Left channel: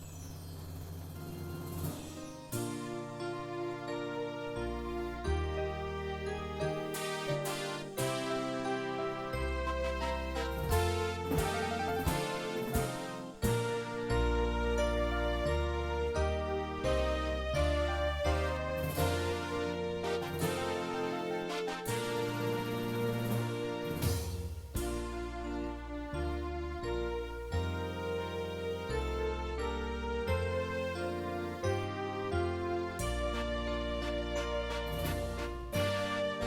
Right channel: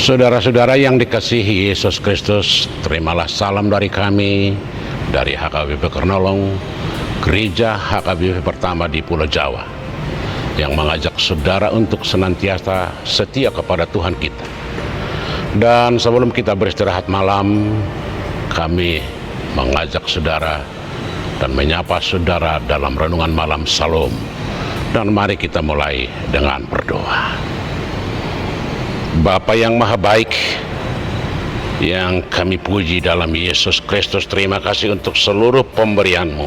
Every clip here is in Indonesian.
Saudara-saudara yang dikasihi Yesus Kristus, terimalah salam dari kami, dari HKBP Kernolong, Gereja HKBP pertama di Pulau Jawa, yang mengajak saudara untuk senantiasa setia kepada Tuhan kita. Dan sebelum kita beristirahat malam, kami mengajak saudara dan menyapa saudara dalam renungan malam Salam. Dan mari kita mulai dengan berdoa. Bapa yang maha baik, yang kami puji dalam Yesus Kristus, terima kasih untuk seluruh pemberian-Mu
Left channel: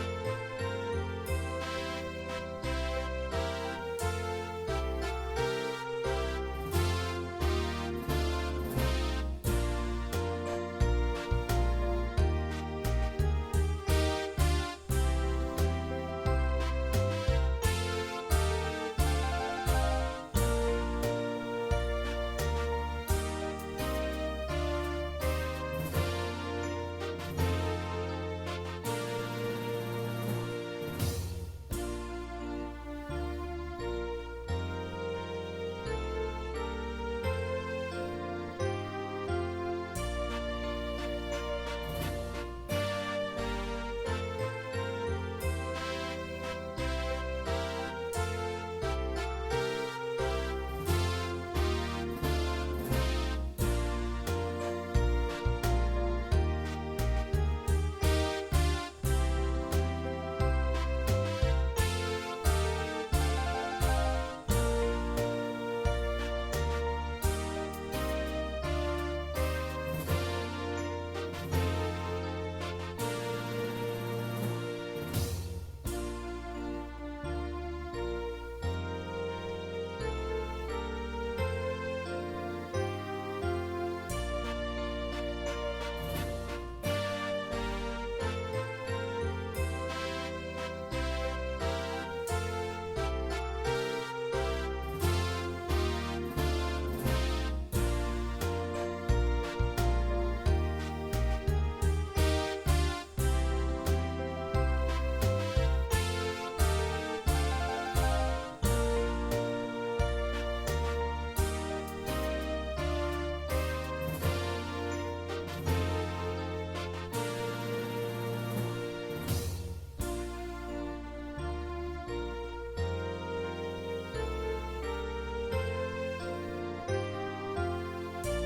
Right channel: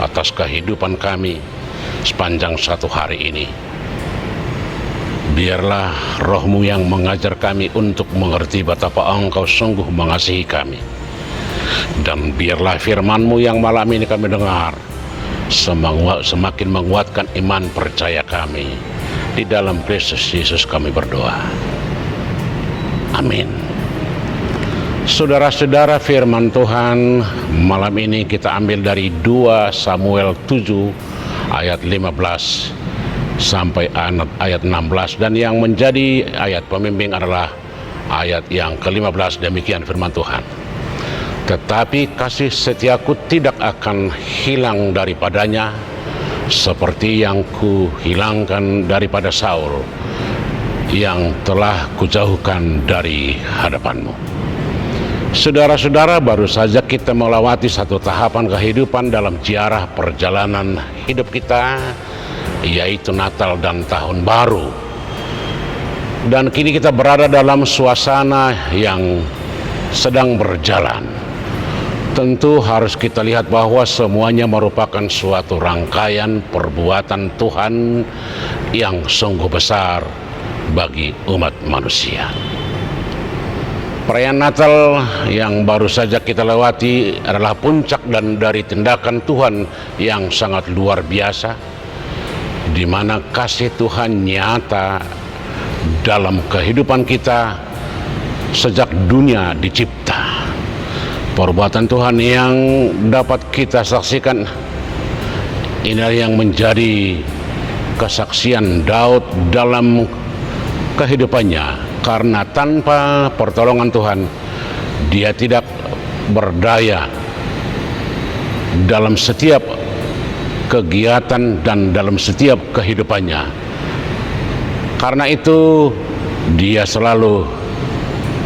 atas kehidupan kami sepanjang satu hari ini. Biarlah Roh-Mu yang mengajar kami untuk mengerti betapa Engkau sungguh mengasihi kami. Dan biarlah firman-Mu yang malam ini kami dengar semakin menguatkan iman percaya kami. Di dalam Kristus Yesus kami berdoa. Amin. Saudara-saudara, firman Tuhan malam ini kita ambil dari 2 Samuel 7 ayat 15 sampai ayat 16, dan yang menjadi ayat pembimbing adalah ayat yang ke-15. Demikian firman Tuhan. Tetapi kasih setiaku tidak akan hilang daripadanya, seperti yang ku hilangkan daripada Saul, yang telah kujauhkan dari hadapanmu. Saudara-saudara, baru saja kita melewati satu tahapan kehidupan dalam ziarah perjalanan hidup kita, yaitu Natal dan Tahun Baru. Dan kini kita berada dalam suasana yang sedang berjalan. Tentu harus kita lihat bahwa semuanya merupakan suatu rangkaian perbuatan Tuhan yang sungguh besar bagi umat manusia. Perayaan Natal yang baru saja kita lewati adalah puncak dan dari tindakan Tuhan yang sangat luar biasa, di mana kasih Tuhan nyata dalam kehidupan kita sejak dunia dicipta. Perbuatan Tuhan yang dapat kita saksikan, inilah yang menjadi kesaksian Daud dalam kehidupannya, karena tanpa pertolongan Tuhan dia tidak berdaya dalam setiap kegiatan dan dalam setiap kehidupannya. Karena itu dia selalu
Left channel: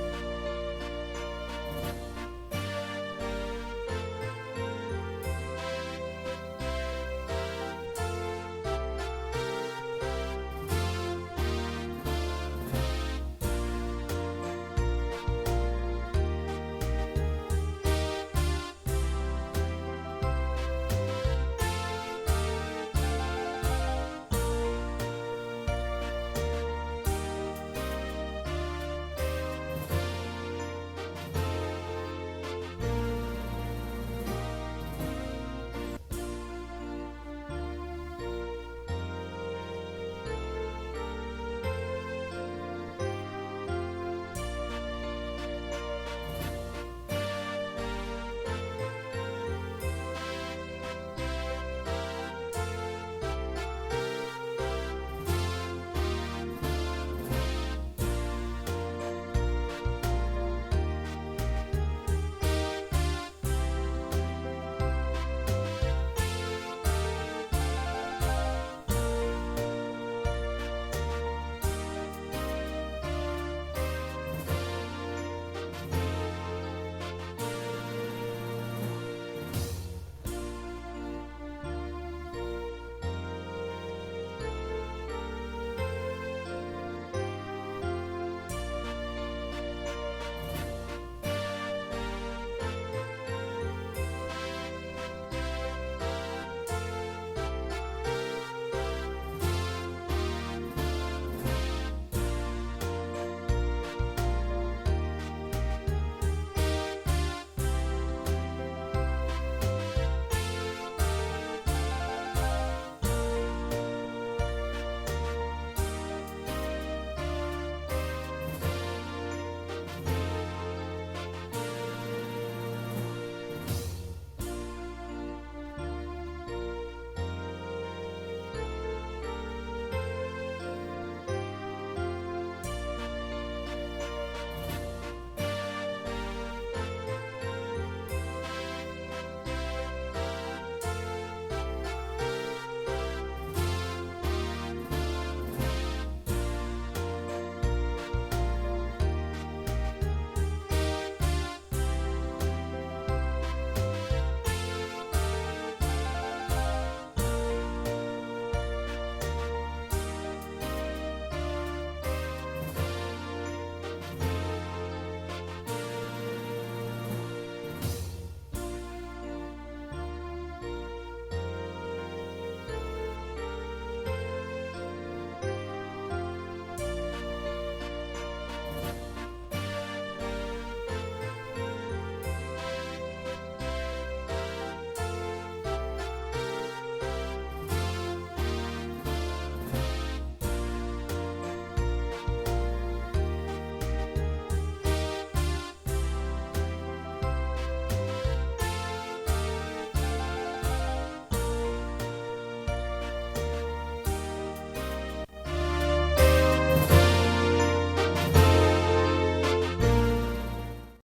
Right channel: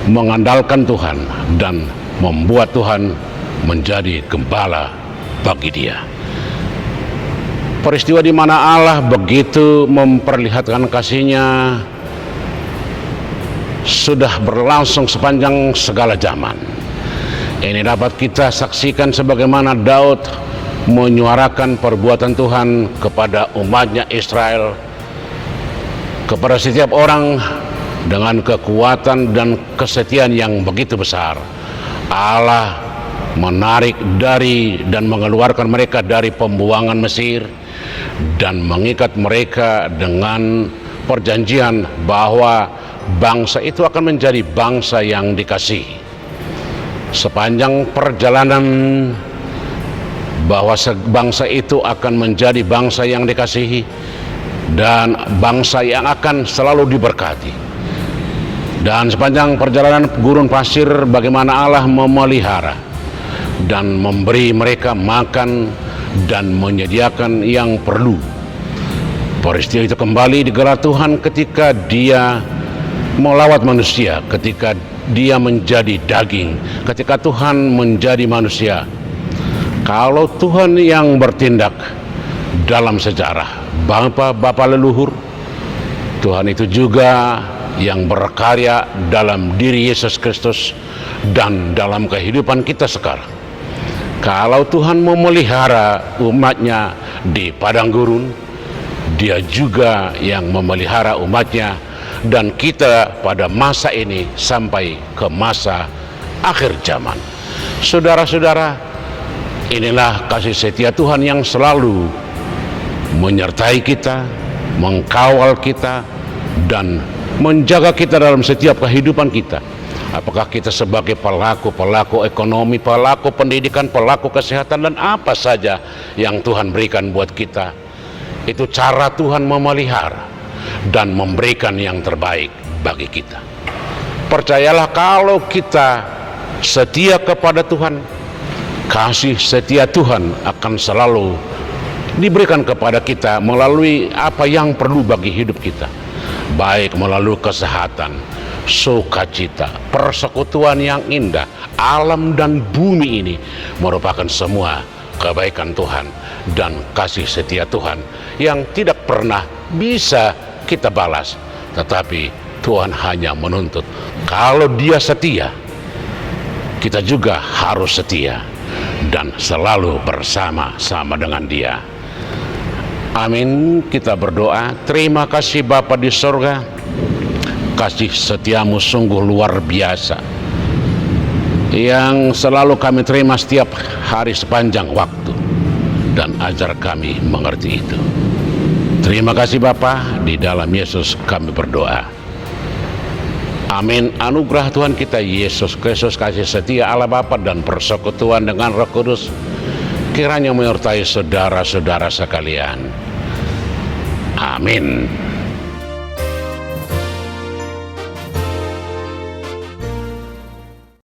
mengandalkan Tuhan dan membuat Tuhan menjadi gembala bagi dia. Peristiwa di mana Allah begitu memperlihatkan kasih-Nya sudah berlangsung sepanjang segala zaman. Ini dapat kita saksikan sebagaimana Daud menyuarakan perbuatan Tuhan kepada umatnya Israel, kepada setiap orang dengan kekuatan dan kesetiaan yang begitu besar. Allah menarik dari dan mengeluarkan mereka dari pembuangan Mesir dan mengikat mereka dengan perjanjian bahwa bangsa itu akan menjadi bangsa yang dikasihi. Sepanjang perjalanan bahwa bangsa itu akan menjadi bangsa yang dikasihi dan bangsa yang akan selalu diberkati. Dan sepanjang perjalanan gurun pasir, bagaimana Allah memelihara dan memberi mereka makan dan menyediakan yang perlu. Peristiwa itu kembali digelar Tuhan ketika Dia melawat manusia, ketika Dia menjadi daging, ketika Tuhan menjadi manusia. Kalau Tuhan yang bertindak dalam sejarah Bapa leluhur, Tuhan itu juga yang berkarya dalam diri Yesus Kristus dan dalam kehidupan kita sekarang. Kalau Tuhan memelihara umat-Nya di padang gurun, Dia juga yang memelihara umat-Nya dan kita pada masa ini sampai ke masa akhir zaman. Saudara-saudara, inilah kasih setia Tuhan yang selalu menyertai kita, mengkawal kita, dan menjaga kita dalam setiap kehidupan kita. Apakah kita sebagai pelaku ekonomi, pelaku pendidikan, pelaku kesehatan, dan apa saja yang Tuhan berikan buat kita. Itu cara Tuhan memelihara dan memberikan yang terbaik bagi kita. Percayalah kalau kita setia kepada Tuhan, kasih setia Tuhan akan selalu diberikan kepada kita melalui apa yang perlu bagi hidup kita, baik melalui kesehatan, sukacita, persekutuan yang indah. Alam dan bumi ini merupakan semua kebaikan Tuhan dan kasih setia Tuhan yang tidak pernah bisa kita balas, tetapi Tuhan hanya menuntut kalau Dia setia, kita juga harus setia dan selalu bersama-sama dengan Dia. Amin. Kita berdoa. Terima kasih Bapa di sorga, kasih setiamu sungguh luar biasa yang selalu kami terima setiap hari sepanjang waktu, dan ajar kami mengerti itu. Terima kasih Bapa, di dalam Yesus kami berdoa. Amin. Anugerah Tuhan kita Yesus Kristus, kasih setia Allah Bapa dan persekutuan dengan Roh Kudus kiranya menyertai saudara-saudara sekalian. Amin.